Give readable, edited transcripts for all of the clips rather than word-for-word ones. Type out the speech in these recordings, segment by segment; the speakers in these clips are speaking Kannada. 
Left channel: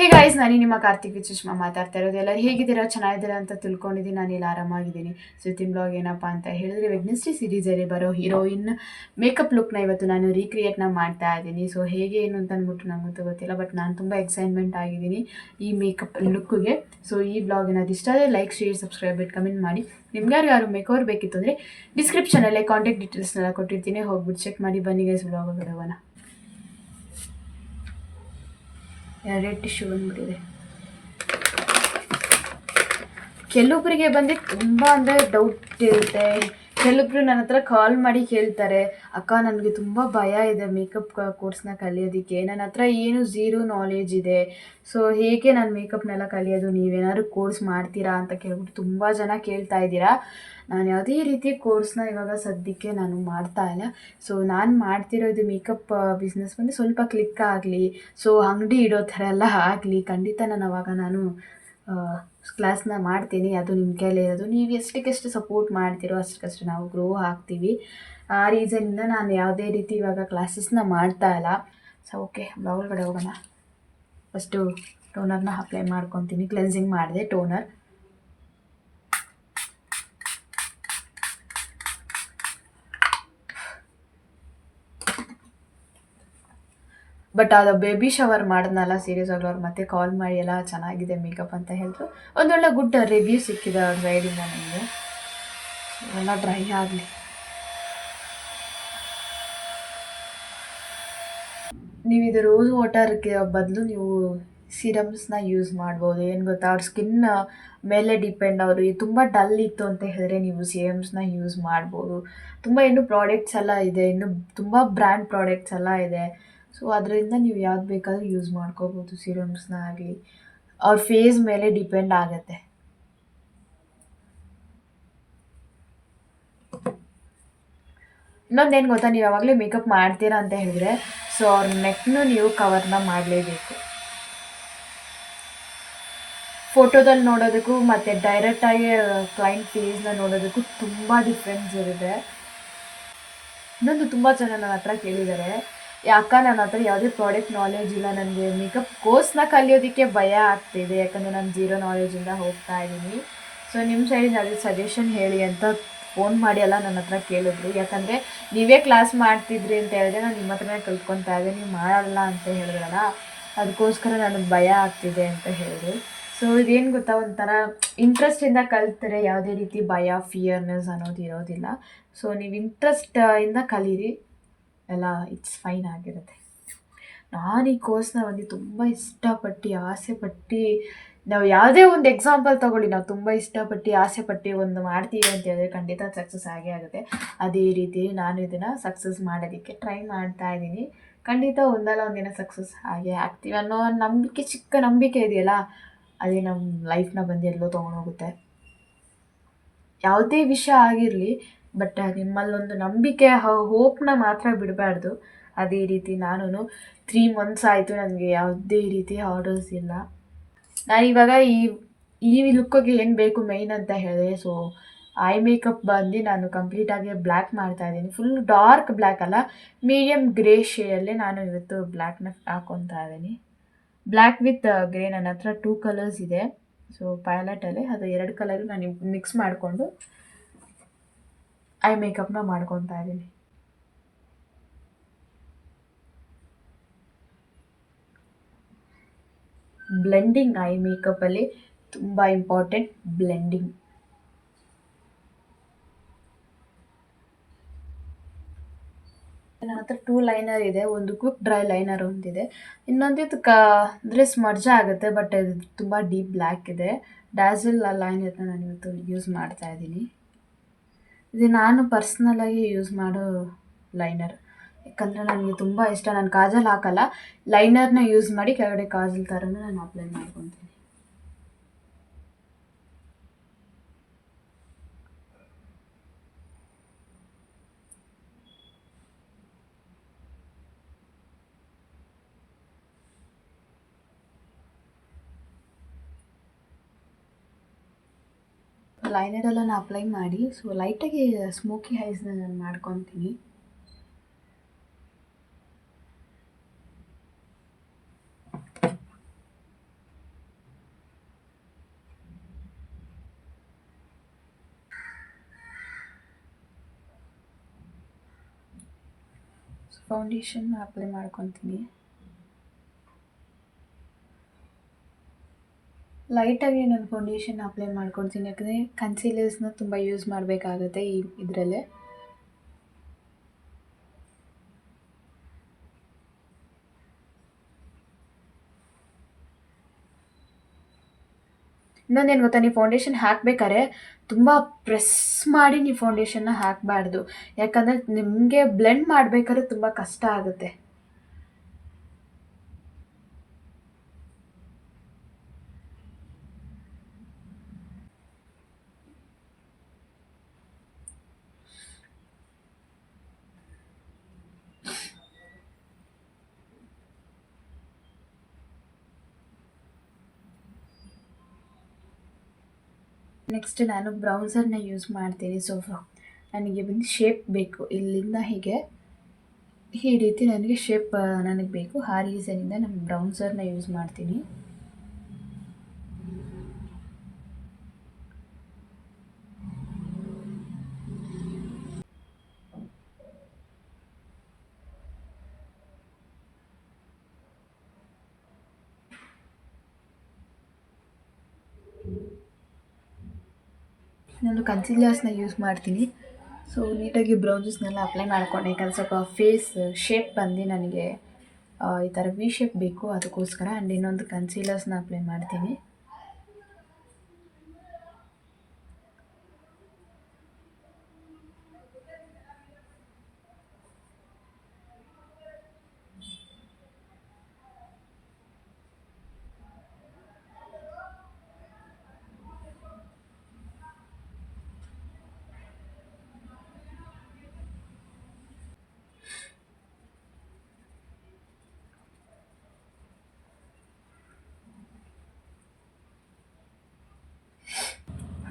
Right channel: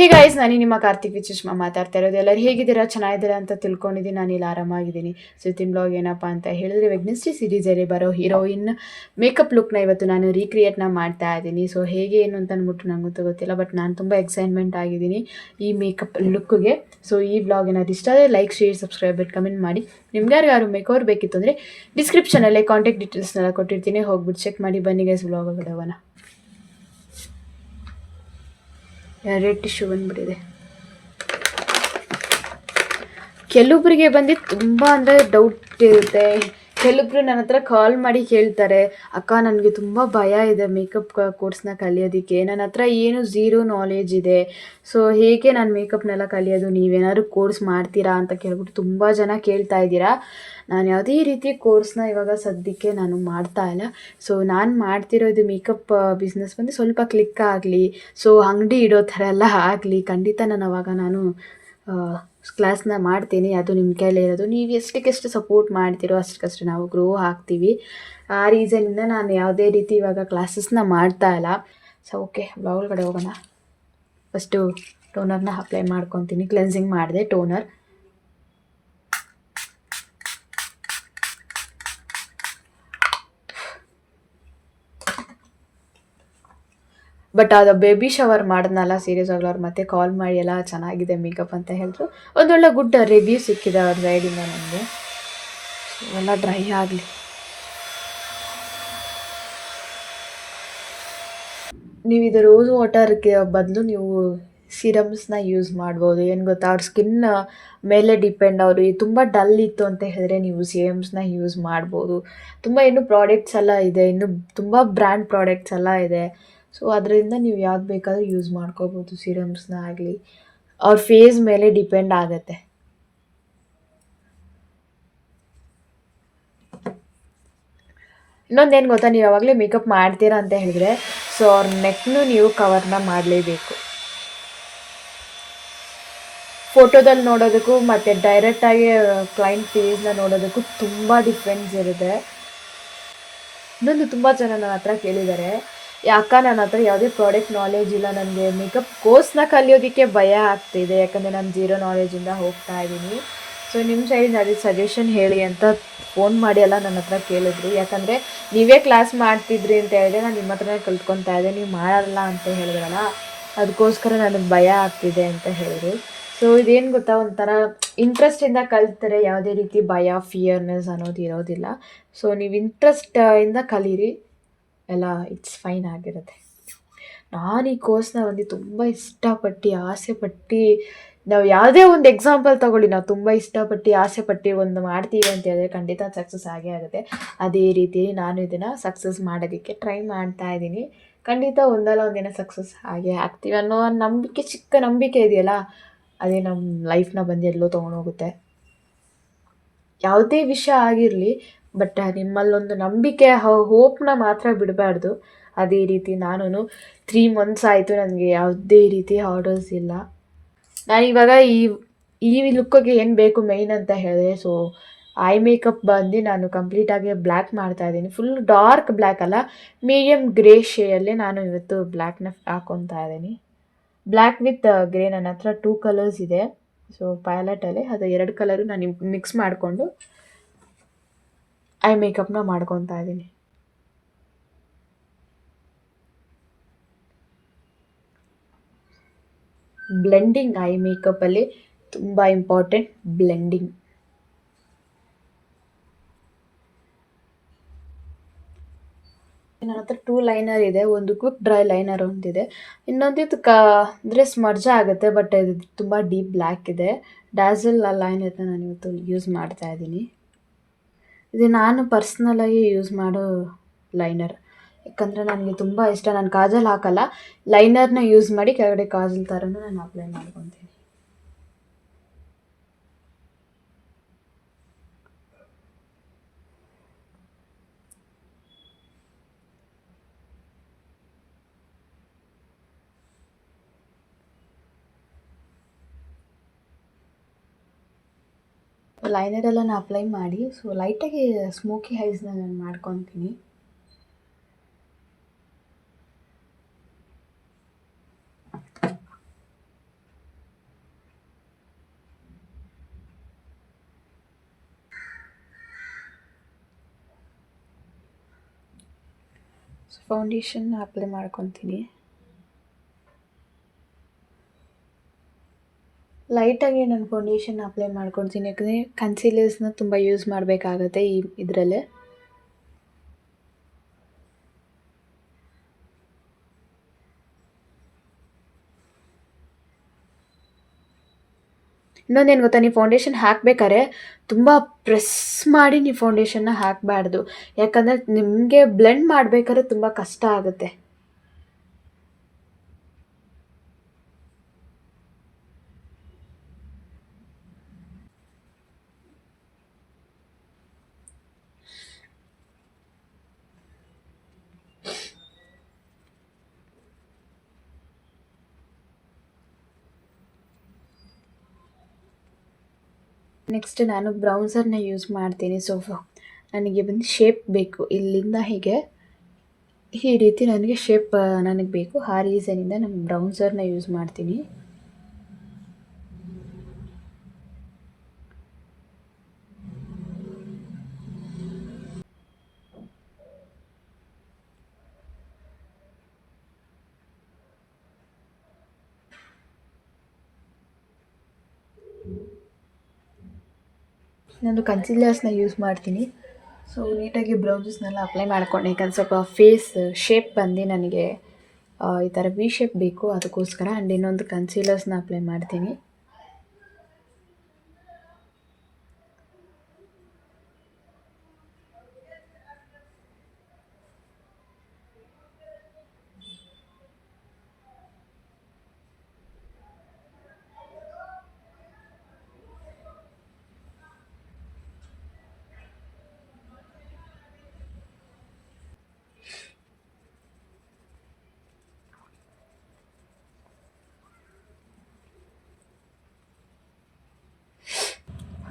ಹೇ ಗೈಸ್, ನಾನು ನಿಮ್ಮ ಕಾರ್ತಿಕ್ ವಿಚುಷ್ಮಾ ಮಾತಾಡ್ತಾ ಇರೋದು. ಎಲ್ಲರೂ ಹೇಗಿದ್ದೀರಾ? ಚೆನ್ನಾಗಿದ್ದೀರಾ ಅಂತ ತಿಳ್ಕೊಂಡಿದ್ದೀನಿ. ನಾನು ಇಲ್ಲಿ ಆರಾಮಾಗಿದ್ದೀನಿ. ಇವತ್ತಿನ ಬ್ಲಾಗ್ ಏನಪ್ಪ ಅಂತ ಹೇಳಿದ್ರೆ, ವೆಡ್ನೆಸ್ಡೇ ಸೀರೀಸಲ್ಲಿ ಬರೋ ಹೀರೋಯಿನ್ ಮೇಕಪ್ ಲುಕ್ನ ಇವತ್ತು ನಾನು ರೀಕ್ರಿಯೇಟ್ನ ಮಾಡ್ತಾ ಇದ್ದೀನಿ. ಸೊ ಹೇಗೆ ಏನು ಅಂತ ಅಂದ್ಬಿಟ್ಟು ನನಗೂ ಗೊತ್ತಿಲ್ಲ, ಬಟ್ ನಾನು ತುಂಬ ಎಕ್ಸೈಟ್ಮೆಂಟ್ ಆಗಿದ್ದೀನಿ ಈ ಮೇಕಪ್ ಲುಕ್ಗೆ. ಸೊ ಈ ಬ್ಲಾಗ್ ಏನಾದ್ರು ಇಷ್ಟ ಆದರೆ ಲೈಕ್, ಶೇರ್, ಸಬ್ಸ್ಕ್ರೈಬ್ ಬಿಟ್ಟು ಕಮೆಂಟ್ ಮಾಡಿ. ನಿಮ್ಗೆ ಯಾರು ಮೇಕವರ್ ಬೇಕಿತ್ತು ಅಂದರೆ ಡಿಸ್ಕ್ರಿಪ್ಷನಲ್ಲೇ ಕಾಂಟ್ಯಾಕ್ಟ್ ಡೀಟೇಲ್ಸ್ನೆಲ್ಲ ಕೊಟ್ಟಿರ್ತೀನಿ, ಹೋಗ್ಬಿಟ್ಟು ಚೆಕ್ ಮಾಡಿ. ಬನ್ನಿ ಗೈಸ್, ಬ್ಲಾಗ್ ಬಿಡೋಣ. ರೆಡ್ ಟಿಶ್ಯೂ ಬಂದ್ಬಿಟ್ಟಿದೆ. ಕೆಲವೊಬ್ಬರಿಗೆ ಬಂದು ತುಂಬ ಅಂದರೆ ಡೌಟ್ ಇರುತ್ತೆ. ಕೆಲವೊಬ್ರು ನನ್ನ ಹತ್ರ ಕಾಲ್ ಮಾಡಿ ಕೇಳ್ತಾರೆ, ಅಕ್ಕ ನನಗೆ ತುಂಬ ಭಯ ಇದೆ ಮೇಕಪ್ ಕೋರ್ಸ್ನ ಕಲಿಯೋದಕ್ಕೆ, ನನ್ನ ಹತ್ರ ಏನು ಝೀರೋ ನಾಲೆಜ್ ಇದೆ. ಸೊ ಹೇಗೆ ನಾನು ಮೇಕಪ್ನೆಲ್ಲ ಕಲಿಯೋದು, ನೀವೇನಾದ್ರು ಕೋರ್ಸ್ ಮಾಡ್ತೀರಾ ಅಂತ ಕೇಳ್ಬಿಟ್ಟು ತುಂಬ ಜನ ಕೇಳ್ತಾ ಇದ್ದೀರಾ. ನಾನು ಯಾವುದೇ ರೀತಿ ಕೋರ್ಸ್ನ ಇವಾಗ ಸದ್ಯಕ್ಕೆ ನಾನು ಮಾಡ್ತಾ ಇಲ್ಲ. ಸೊ ನಾನು ಮಾಡ್ತಿರೋದು ಮೇಕಪ್ ಬಿಸ್ನೆಸ್ ಬಂದು ಸ್ವಲ್ಪ ಕ್ಲಿಕ್ ಆಗಲಿ, ಸೊ ಅಂಗಡಿ ಇಡೋ ಥರ ಎಲ್ಲ ಆಗಲಿ, ಖಂಡಿತ ನಾನು ಕ್ಲಾಸ್ನ ಮಾಡ್ತೀನಿ. ಅದು ನಿಮ್ಮ ಕೈಲೇ ಇರೋದು. ನೀವು ಎಷ್ಟಕ್ಕೆಷ್ಟು ಸಪೋರ್ಟ್ ಮಾಡ್ತೀರೋ ಅಷ್ಟಕ್ಕಷ್ಟು ನಾವು ಗ್ರೋ ಆಗ್ತೀವಿ. ಆ ರೀಸನಿಂದ ನಾನು ಯಾವುದೇ ರೀತಿ ಇವಾಗ ಕ್ಲಾಸಸ್ನ ಮಾಡ್ತಾ ಇಲ್ಲ. ಸೊ ಓಕೆ, ಒಳಗಡೆ ಹೋಗೋಣ. ಫಸ್ಟು ಟೋನರ್ನ ಅಪ್ಲೈ ಮಾಡ್ಕೊತೀನಿ. ಕ್ಲೆನ್ಸಿಂಗ್ ಮಾಡಿದೆ ಟೋನರ್. ಬಟ್ ಅದು ಬೇಬಿ ಶವರ್ ಮಾಡಿದ್ನಲ್ಲ, ಸೀರಿಯಸ್ ಆಗಲಿ ಅವ್ರು ಮತ್ತೆ ಕಾಲ್ ಮಾಡಿ ಎಲ್ಲ ಚೆನ್ನಾಗಿದೆ ಮೇಕಪ್ ಅಂತ ಹೇಳಿದ್ರು. ಒಂದೊಳ್ಳೆ ಗುಡ್ ರಿವ್ಯೂ ಸಿಕ್ಕಿದೆ ಅವ್ರ ಸೈಡಿಂದ ನನಗೆ. ಎಲ್ಲ ಡ್ರೈ ಆಗಲಿ. ನೀವು ಇದು ರೋಸ್ ವಾಟರ್ಗೆ ಬದಲು ನೀವು ಸಿರಮ್ಸ್ನ ಯೂಸ್ ಮಾಡ್ಬೋದು. ಏನು ಗೊತ್ತಾ, ಅವ್ರ ಸ್ಕಿನ್ ಮೇಲೆ ಡಿಪೆಂಡ್. ಅವರು ತುಂಬ ಡಲ್ ಇತ್ತು ಅಂತ ಹೇಳಿದ್ರೆ ನೀವು ಸಿರಮ್ಸ್ನ ಯೂಸ್ ಮಾಡ್ಬೋದು. ತುಂಬ ಇನ್ನೂ ಪ್ರಾಡಕ್ಟ್ಸ್ ಎಲ್ಲ ಇದೆ, ಇನ್ನು ತುಂಬ ಬ್ರ್ಯಾಂಡ್ ಪ್ರಾಡಕ್ಟ್ಸ್ ಎಲ್ಲ ಇದೆ. ಸೊ ಅದರಿಂದ ನೀವು ಯಾವ್ದು ಬೇಕಾದರೂ ಯೂಸ್ ಮಾಡ್ಕೋಬೋದು, ಸಿರಮ್ಸ್ನ ಆಗಲಿ. ಅವ್ರ ಫೇಸ್ ಮೇಲೆ ಡಿಪೆಂಡ್ ಆಗುತ್ತೆ. ಇನ್ನೊಂದೇನು ಗೊತ್ತಾ, ನೀವು ಯಾವಾಗಲೇ ಮೇಕಪ್ ಮಾಡ್ತೀರಾ ಅಂತ ಹೇಳಿದ್ರೆ ಸೊ ಅವ್ರ ನೆಕ್ನು ನೀವು ಕವರ್ನ ಮಾಡಲೇಬೇಕು. ಫೋಟೋದಲ್ಲಿ ನೋಡೋದಕ್ಕೂ ಮತ್ತು ಡೈರೆಕ್ಟಾಗಿ ಕ್ಲೈಂಟ್ ಫೇಸ್ನ ನೋಡೋದಕ್ಕೂ ತುಂಬ ಡಿಫ್ರೆನ್ಸ್ ಇರುತ್ತೆ. ಇನ್ನೊಂದು ತುಂಬ ಜನ ನನ್ನ ಹತ್ರ ಕೇಳಿದ್ದಾರೆ, ಯಾಕ ನನ್ನ ಹತ್ರ ಯಾವುದೇ ಪ್ರಾಡಕ್ಟ್ ನಾಲೆಜ್ ಇಲ್ಲ, ನನಗೆ ಮೇಕಪ್ ಕೋರ್ಸ್ನ ಕಲಿಯೋದಕ್ಕೆ ಭಯ ಆಗ್ತಿದೆ, ಯಾಕಂದರೆ ನಾನು ಝೀರೋ ನಾಲೆಜಿಂದ ಹೋಗ್ತಾ ಇದ್ದೀನಿ. ಸೊ ನಿಮ್ಮ ಸೈಡ್ ಅದೇ ಸಜೆಷನ್ ಹೇಳಿ ಅಂತ ಫೋನ್ ಮಾಡಿ ಎಲ್ಲ ನನ್ನ ಹತ್ರ ಕೇಳಿದ್ರು. ಯಾಕಂದರೆ ನೀವೇ ಕ್ಲಾಸ್ ಮಾಡ್ತಿದ್ರಿ ಅಂತ ಹೇಳಿದ್ರೆ ನಾನು ನಿಮ್ಮ ಹತ್ರನೇ ಕಲ್ತ್ಕೊತಾ ಇದ್ದೆ, ನೀವು ಮಾಡಲ್ಲ ಅಂತ ಹೇಳಿದ್ರಲ್ಲ, ಅದಕ್ಕೋಸ್ಕರ ನನಗೆ ಭಯ ಆಗ್ತಿದೆ ಅಂತ ಹೇಳಿದ್ರು. ಸೊ ಇದೇನು ಗೊತ್ತಾ, ಒಂಥರ ಇಂಟ್ರೆಸ್ಟಿಂದ ಕಲಿತರೆ ಯಾವುದೇ ರೀತಿ ಭಯ, ಫಿಯರ್ನೆಸ್ ಅನ್ನೋದು ಇರೋದಿಲ್ಲ. ಸೊ ನೀವು ಇಂಟ್ರೆಸ್ಟಿಂದ ಕಲೀರಿ, ಎಲ್ಲ ಇಟ್ಸ್ ಫೈನ್ ಆಗಿರುತ್ತೆ. ನಾನು ಈ ಕೋರ್ಸ್ನ ಒಂದು ತುಂಬ ಇಷ್ಟಪಟ್ಟು ಆಸೆಪಟ್ಟು, ನಾವು ಯಾವುದೇ ಒಂದು ಎಕ್ಸಾಂಪಲ್ ತೊಗೊಳ್ಳಿ, ನಾವು ತುಂಬ ಇಷ್ಟಪಟ್ಟು ಆಸೆಪಟ್ಟು ಒಂದು ಮಾಡ್ತೀವಿ ಅಂತ ಹೇಳಿದ್ರೆ ಖಂಡಿತ ಸಕ್ಸಸ್ ಆಗೇ ಆಗುತ್ತೆ. ಅದೇ ರೀತಿ ನಾನು ಇದನ್ನು ಸಕ್ಸಸ್ ಮಾಡೋದಕ್ಕೆ ಟ್ರೈ ಮಾಡ್ತಾ ಇದ್ದೀನಿ. ಖಂಡಿತ ಒಂದಲ್ಲ ಒಂದಿನ ಸಕ್ಸಸ್ ಆಗೇ ಆಗ್ತೀವಿ ಅನ್ನೋ ನಂಬಿಕೆ, ಚಿಕ್ಕ ನಂಬಿಕೆ ಇದೆಯಲ್ಲ, ಅದೇ ನಮ್ಮ ಲೈಫ್ನ ಬಂದು ಎಲ್ಲೋ ತೊಗೊಂಡೋಗುತ್ತೆ. ಯಾವುದೇ ವಿಷಯ ಆಗಿರಲಿ, ಬಟ್ ನಿಮ್ಮಲ್ಲೊಂದು ನಂಬಿಕೆ, ಹೋಪ್ನ ಮಾತ್ರ ಬಿಡಬಾರ್ದು. ಅದೇ ರೀತಿ ನಾನು 3 months ಆಯಿತು, ನನಗೆ ಯಾವುದೇ ರೀತಿ ಆರ್ಡರ್ಸ್ ಇಲ್ಲ. ನಾನಿವಾಗ ಈ ಲುಕ್ಕಿಗೆ ಏನು ಬೇಕು ಮೇಯ್ನ್ ಅಂತ ಹೇಳಿದ್ರೆ, ಸೊ ಐ ಮೇಕಪ್ ಬಂದು ನಾನು ಕಂಪ್ಲೀಟಾಗಿ ಬ್ಲ್ಯಾಕ್ ಮಾಡ್ತಾಯಿದ್ದೀನಿ. ಫುಲ್ ಡಾರ್ಕ್ ಬ್ಲ್ಯಾಕ್ ಅಲ್ಲ, ಮೀಡಿಯಮ್ ಗ್ರೇ ಶೇಡಲ್ಲೇ ನಾನು ಇವತ್ತು ಬ್ಲ್ಯಾಕ್ನ ಹಾಕ್ಕೊತಾ ಇದ್ದೀನಿ. ಬ್ಲ್ಯಾಕ್ ವಿತ್ ಗ್ರೇ ನನ್ನ ಹತ್ರ 2 ಕಲರ್ಸ್ ಇದೆ. ಸೊ ಪ್ಯಾಲೆಟಲ್ಲೇ ಅದು 2 ಕಲರು ನಾನು ಮಿಕ್ಸ್ ಮಾಡಿಕೊಂಡು ಐ ಮೇಕಪ್ನ ಮಾಡ್ಕೊತಾ ಇದ್ದೀನಿ. ಬ್ಲೆಂಡಿಂಗ್ ಐ ಮೇಕಪ್ಪಲ್ಲಿ ತುಂಬ ಇಂಪಾರ್ಟೆಂಟ್, ಬ್ಲೆಂಡಿಂಗ್. ನನ್ನ ಹತ್ರ 2 ಲೈನರ್ ಇದೆ. ಒಂದು ಕ್ವಿಕ್ ಡ್ರೈ ಲೈನರ್ ಒಂದಿದೆ, ಇನ್ನೊಂದು ಇದು ಅಂದರೆ ಸ್ಮರ್ಜ್ ಆಗುತ್ತೆ, ಬಟ್ ಇದು ತುಂಬ ಡೀಪ್ ಬ್ಲ್ಯಾಕ್ ಇದೆ. ಡ್ಯಾಸಲ್ ಲೈನರ್ನ ನಾನು ಇವತ್ತು ಯೂಸ್ ಮಾಡ್ತಾ ಇದ್ದೀನಿ. ಇದು ನಾನು ಪರ್ಸ್ನಲಾಗಿ ಯೂಸ್ ಮಾಡೋ ಲೈನರ್, ಯಾಕಂದರೆ ನನಗೆ ತುಂಬ ಇಷ್ಟ. ನಾನು ಕಾಜಲ್ ಹಾಕಲ್ಲ, ಲೈನರ್ನ ಯೂಸ್ ಮಾಡಿ ಕೆಳಗಡೆ ಕಾಜಲ್ ಥರನೂ ನಾನು ಅಪ್ಲೈ ಮಾಡ್ಕೊತೀನಿ. ಲೈನರೆಲ್ಲ ನಾನು ಅಪ್ಲೈ ಮಾಡಿ, ಸೊ ಲೈಟಾಗಿ ಸ್ಮೋಕಿ ಐಸ್ನ ನಾನು ಮಾಡ್ಕೊತೀನಿ. ಫೌಂಡೇಶನ್ ಅಪ್ಲೈ ಮಾಡ್ಕೊತೀನಿ. ಲೈಟಾಗಿ ನಾನು ಫೌಂಡೇಶನ್ ಅಪ್ಲೈ ಮಾಡ್ಕೊತೀನಿ, ಯಾಕಂದರೆ ಕನ್ಸೀಲರ್ಸ್ನ ತುಂಬ ಯೂಸ್ ಮಾಡಬೇಕಾಗತ್ತೆ ಇದರಲ್ಲೇ. ಇನ್ನೊಂದೇನು ಗೊತ್ತಾ, ನೀವು ಫೌಂಡೇಶನ್ ಹಾಕಬೇಕಾದ್ರೆ ತುಂಬ ಪ್ರೆಸ್ ಮಾಡಿ ನೀವು ಫೌಂಡೇಶನ್ನ ಹಾಕಬಾರ್ದು, ಯಾಕಂದರೆ ನಿಮಗೆ ಬ್ಲೆಂಡ್ ಮಾಡಬೇಕಾದ್ರೆ ತುಂಬ ಕಷ್ಟ ಆಗುತ್ತೆ. ನೆಕ್ಸ್ಟ್ ನಾನು ಬ್ರೌಸರ್ನ ಯೂಸ್ ಮಾಡ್ತೀನಿ. ಸೊ ನನಗೆ ಬಂದು ಶೇಪ್ ಬೇಕು, ಇಲ್ಲಿಂದ ಹೀಗೆ ಈ ರೀತಿ ನನಗೆ ಶೇಪ್ ನನಗೆ ಬೇಕು. ಆ ರೀಸನಿಂದ ನಾನು ಬ್ರೌಸರ್ನ ಯೂಸ್ ಮಾಡ್ತೀನಿ. ನಾನು ಕನ್ಸೀಲರ್ಸ್ನ ಯೂಸ್ ಮಾಡ್ತೀನಿ. ಸೊ ನೀಟಾಗಿ ಬ್ರೌಸಸ್ನೆಲ್ಲ ಅಪ್ಲೈ ಮಾಡ್ಕೊಂಡೆ, ಯಾಕಂದ್ರೆ ಸ್ವಲ್ಪ ಫೇಸ್ ಶೇಪ್ ಬಂದು ನನಗೆ ಈ ಥರ ವಿ ಶೇಪ್ ಬೇಕು, ಅದಕ್ಕೋಸ್ಕರ. ಆ್ಯಂಡ್ ಇನ್ನೊಂದು ಕನ್ಸೀಲರ್ಸ್ನ ಅಪ್ಲೈ ಮಾಡ್ತೀನಿ.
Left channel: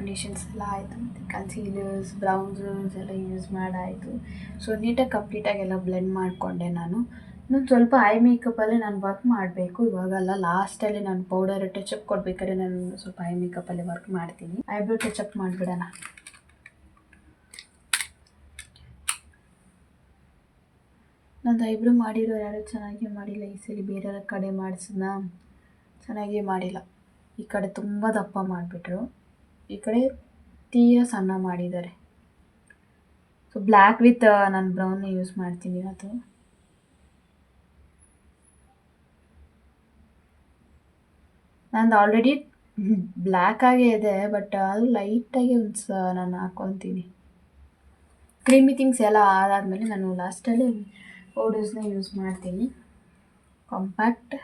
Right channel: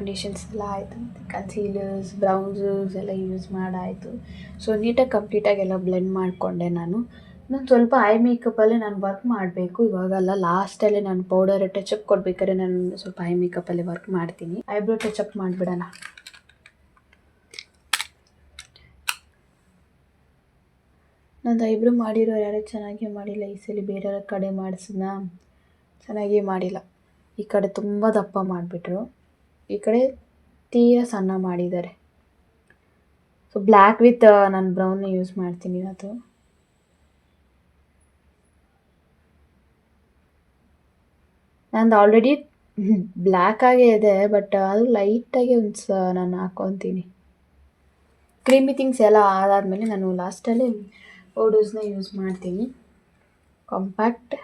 ಫೌಂಡೇಶನ್ಸ್ ಎಲ್ಲ ಆಯಿತು, ಮತ್ತು ಕನ್ಸೀಲರ್ಸ್, ಬ್ರೌಸರ್ಸ್ ಎಲ್ಲ ಯೂಸ್ ಮಾಡಾಯಿತು. ಸೊ ನೀಟಾಗಿ ಕಂಪ್ಲೀಟಾಗಿ ಎಲ್ಲ ಬ್ಲೆಂಡ್ ಮಾಡಿಕೊಂಡೆ. ನಾನು ಸ್ವಲ್ಪ ಐ ಮೇಕಪ್ಪಲ್ಲೇ ನಾನು ವರ್ಕ್ ಮಾಡಬೇಕು, ಇವಾಗಲ್ಲ ಲಾಸ್ಟಲ್ಲಿ ನಾನು ಪೌಡರ್ ಟಚಪ್ ಕೊಡ್ಬೇಕಾದ್ರೆ ನಾನು ಸ್ವಲ್ಪ ಐ ಮೇಕಪ್ಪಲ್ಲೇ ವರ್ಕ್ ಮಾಡ್ತೀನಿ. ಐಬ್ರೋ ಟಚಪ್ ಮಾಡಿಬಿಡೋಣ. ನಂದು ಐಬ್ರೋ ಮಾಡಿರೋ ಯಾರು ಚೆನ್ನಾಗೇ ಮಾಡಿಲ್ಲ ಈ ಸಲ, ಬೇರೆ ಕಡೆ ಮಾಡಿಸಿದ್ನ ಚೆನ್ನಾಗೇ ಮಾಡಿಲ್ಲ. ಈ ಕಡೆ ತುಂಬ ದಪ್ಪ ಮಾಡಿಬಿಟ್ರು, ಈ ಕಡೆ ತೀರಾ ಸಣ್ಣ ಮಾಡಿದ್ದಾರೆ. ಸೊ ಬ್ಲ್ಯಾಕ್ ವಿತ್ ನಾನು ಬ್ರೌನ್ನ ಯೂಸ್ ಮಾಡ್ತೀನಿ. ಅದು ನಂದು ಆಲ್ರೆಡಿ ಬ್ಲ್ಯಾಕಾಗೇ ಇದೆ, ಬಟ್ ಅದು ಲೈಟಾಗಿ ನಾನು ಹಾಕ್ಕೊತೀನಿ. ಕ್ರೀಮಿ ಥಿಂಗ್ಸ್ ಎಲ್ಲ ಆದಾದಮೇಲೆ ನಾನು ಲಾಸ್ಟಲ್ಲಿ ಪೌಡರ್ಸ್ನ ಯೂಸ್ ಮಾಡ್ತೀನಿ. ಕಾಂಪ್ಯಾಕ್ಟ್,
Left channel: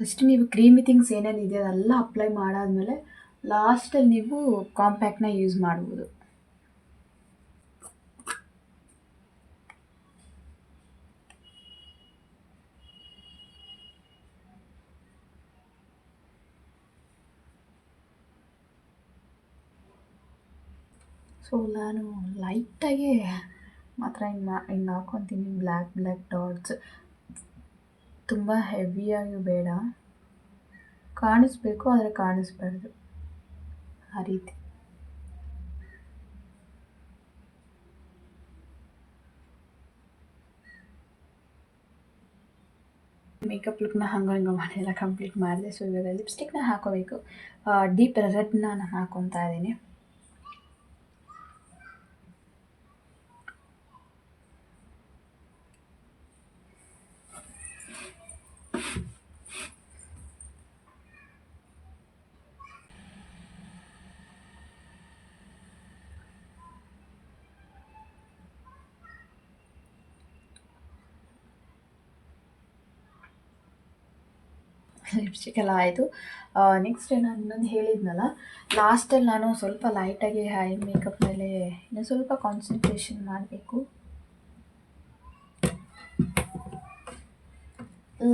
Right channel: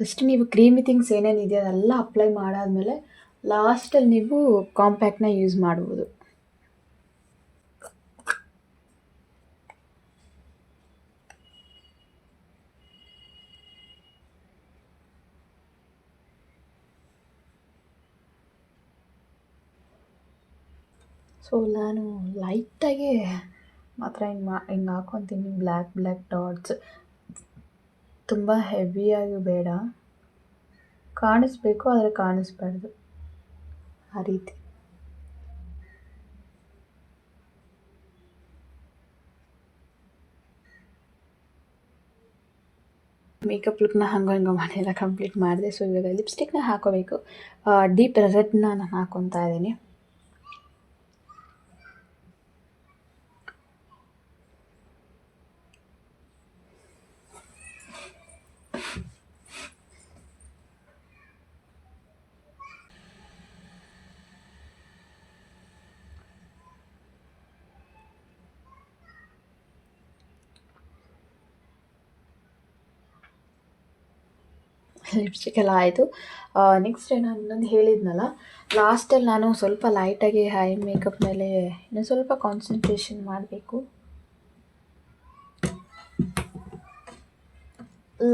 ಫಸ್ಟ್ ನೀವು ಕ್ರೀಮಿ ಥಿಂಗ್ಸ್ ಏನೇನಿದೆ ಅದೆಲ್ಲ ಅಪ್ಲೈ ಮಾಡಾದಮೇಲೆ ಲಾಸ್ಟಲ್ಲಿ ನೀವು ಕಾಂಪ್ಯಾಕ್ಟ್ನ ಯೂಸ್ ಮಾಡ್ಬೋದು. ಸೊ ನಾನು ಲೈಟಾಗಿ ಮಾತ್ರ ಹಿಂಗೆ ಹಾಕ್ಕೊತೀನಿ. ಬ್ಲ್ಯಾಕ್ ಡಾಟ್ಸ್, ತುಂಬ ಹೆವಿಯಾಗಿ ಬೇಡ, ಕಾಣಿಸ್ಬೇಕು ಆದರೆ ಕಾಣಿಸ್ಬಾರ್ದು, ಆ ರೀತಿ. ಮೇಕಪ್ ಲುಕ್ನ ಹಂಗೋ ಹಿಂಗೋ ಮಾಡಿಲ್ಲ, ಕಂಪ್ಲೀಟ್ ಮಾಡಿದೆ. ಸೊ ಇವಾಗ ಲಿಪ್ಸ್ಟಿಕ್ನ ಹಾಕೋಬೇಕು. ಡೀಪ್ ರೆಡ್ನ ನಾನು ಹಾಕ್ಕೊತಾ ಇದ್ದೀನಿ. ಲಿಪ್ಸ್ಟಿಕ್ ಎಲ್ಲ ಆಯಿತು. ನೆಕ್ಸ್ಟ್ ನಾನು ಇನ್ನೊಂದು ಹೇಳಿದ್ನಲ್ಲ, ಲಾಸ್ಟಲ್ಲಿ ನಾನು ಸ್ವಲ್ಪ ಲೈಟಾಗಿ ಐ ಮೇಕಪ್ ಮೇಲೆ ಇನ್ನೂ ಸ್ವಲ್ಪ ಕಾನ್ಸಂಟ್ರೇಷನ್ ಮಾಡಬೇಕು.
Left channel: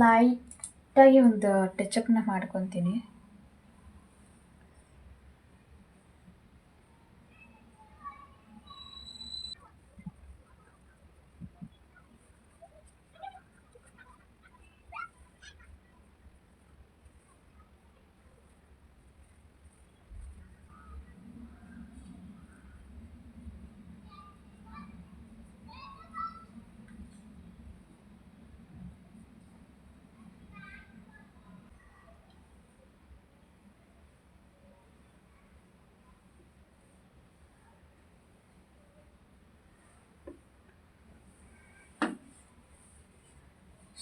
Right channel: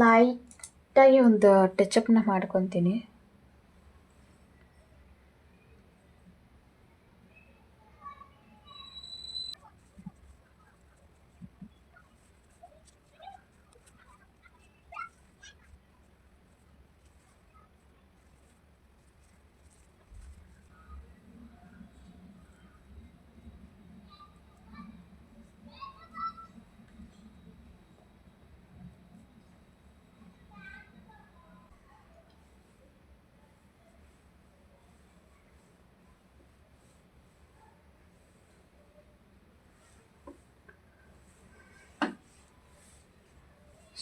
ಲೈಟಾಗಿ ಒಂದು ಟಚಪ್ನ ಮಾಡ್ಕೊತೀನಿ.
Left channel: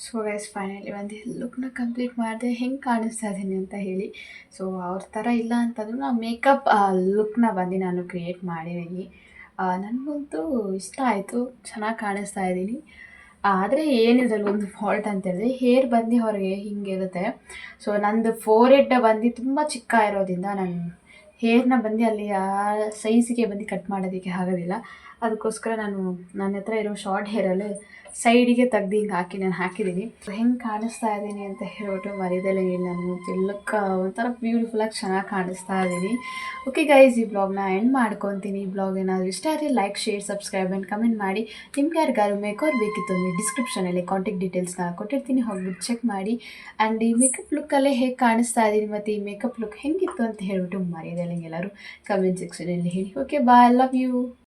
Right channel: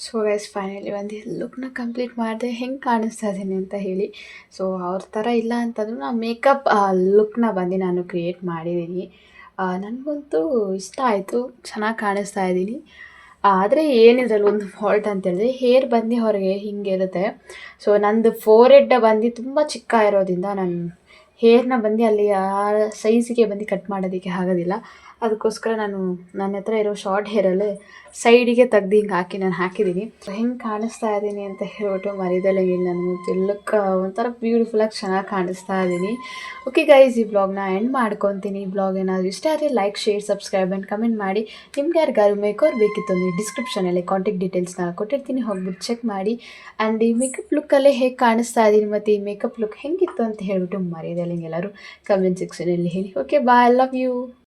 ಸೊ ಗೈಸ್ ಫೈನಲಿ ಒಂದು ಲುಕ್ನ ಕಂಪ್ಲೀಟ್ ಮಾಡಿದೆ, ಹೆಂಗೆ ಕಾಣಿಸ್ತಾ ಇದ್ದೀನಿ ಅಂತ ಹೇಳಿ. ಸೊ ಅವ್ರ ಥರ ಇಲ್ಲ ಅಂತಂದ್ರೂ ನಾನು ಮೇಕಪ್ ಲುಕ್ನ ಬಂದು ನಾನು ಕ್ರಿಯೇಟ್ ಮಾಡಿದ್ದೀನಿ. ನನಗಂತೂ ಇಷ್ಟ ಆಯಿತು, ಚೆನ್ನಾಗಿ ಕಾಣಿಸ್ತಾ ಇದ್ದೀನಿ. ಆದರೆ ಏನಿದ್ರಲ್ಲಿ ಒಂದು ಫಾಲ್ಟ್ ಅಂತ ಹೇಳಿದ್ರೆ ಹೇರ್ ಬಂದು ಹೊರಗೆ ಹಿಂಗಿರುತ್ತೆ. ಸೊ ನಂದು ಫೋರೆಡ್ ಬಂದು ತುಂಬ ಚಿಕ್ಕ ಇರೋದ್ರಿಂದ ನಾನು ಹೇರ್ನ ಬಂದು ಅಲ್ಲಿ ಆ ಸೈಜಿಗೆ ಬಂದು ಕಟ್ ಮಾಡೋದಕ್ಕೆ ಆಗೋದಿಲ್ಲ. ಅದಕ್ಕೋಸ್ಕರ ನಾನು ನನ್ನ ಹತ್ರ ಇರೋ ಶಾರ್ಟ್ ಹೇರಲ್ಲೇ ಸೈಡಿಗೆ ತೆಗ್ದು ಹಿಂಗೆ ಹಾಕಿ ನಾನು ಹಾಕಿದ್ದೀನಿ. ಹೆಂಗೆ ಕಾಣಿಸ್ತಾ ಇದ್ದೀನಿ ಅಂತ ಹೇಳ್ಬಿಟ್ಟು ಮರಿದಲ್ಲೇ ಹೇಳಿ ನಾನು ಲುಕ್ ಒಂಥರ ಬ್ಯೂಟಿಫುಲ್ಲಾಗಿ ಚೆನ್ನಾಗಿ ಕಾಣಿಸ್ತಾ ಇದ್ದೀನಿ. ಓಕೆ ಗೈಸ್, ಈ ಬ್ಲಾಗ್ನ ಎಂಡ್ ಮಾಡ್ಕೊತೀನಿ. ಈ ಬ್ಲಾಗ್ ಏನಾದರೂ ಇಷ್ಟ ಆದರೆ like, share, subscribe and comment ಮಾಡಿ. ನಿಮ್ಗೆ ಯಾರಿಗಾದ್ರು ಮೇಕರ್ ಬೇಕಿತ್ತು ಅಂದರೆ ಡಿಸ್ಕ್ರಿಪ್ಷನಲ್ಲಿ ಕಾಂಟ್ಯಾಕ್ಟ್ ಡೀಟೇಲ್ಸ್ನ ಕೊಟ್ಟಿರ್ತೀನಿ, ಹೋಗ್ಬಿಟ್ಟು ಚೆಕ್ ಮಾಡಿ. ಆ್ಯಂಡ್ ಈ ಮೇಕಪ್ ಲುಕ್ಕಲ್ಲೇ ಹೇಗೆ ಕಾಣಿಸ್ತಾ ಇದ್ದೀನಿ ಮತ್ತು ಈ ಮೇಕಪ್ ಲುಕ್ ಹೆಂಗಿತ್ತು ಅಂತ ಹೇಳ್ಬಿಟ್ಟು ಮರಿದಲ್ಲೇ ಎಲ್ಲರೂ ಕಮೆಂಟ್ ಸೆಕ್ಷನಲ್ಲಿ ಹೇಳಿ. Okay bye, I love you.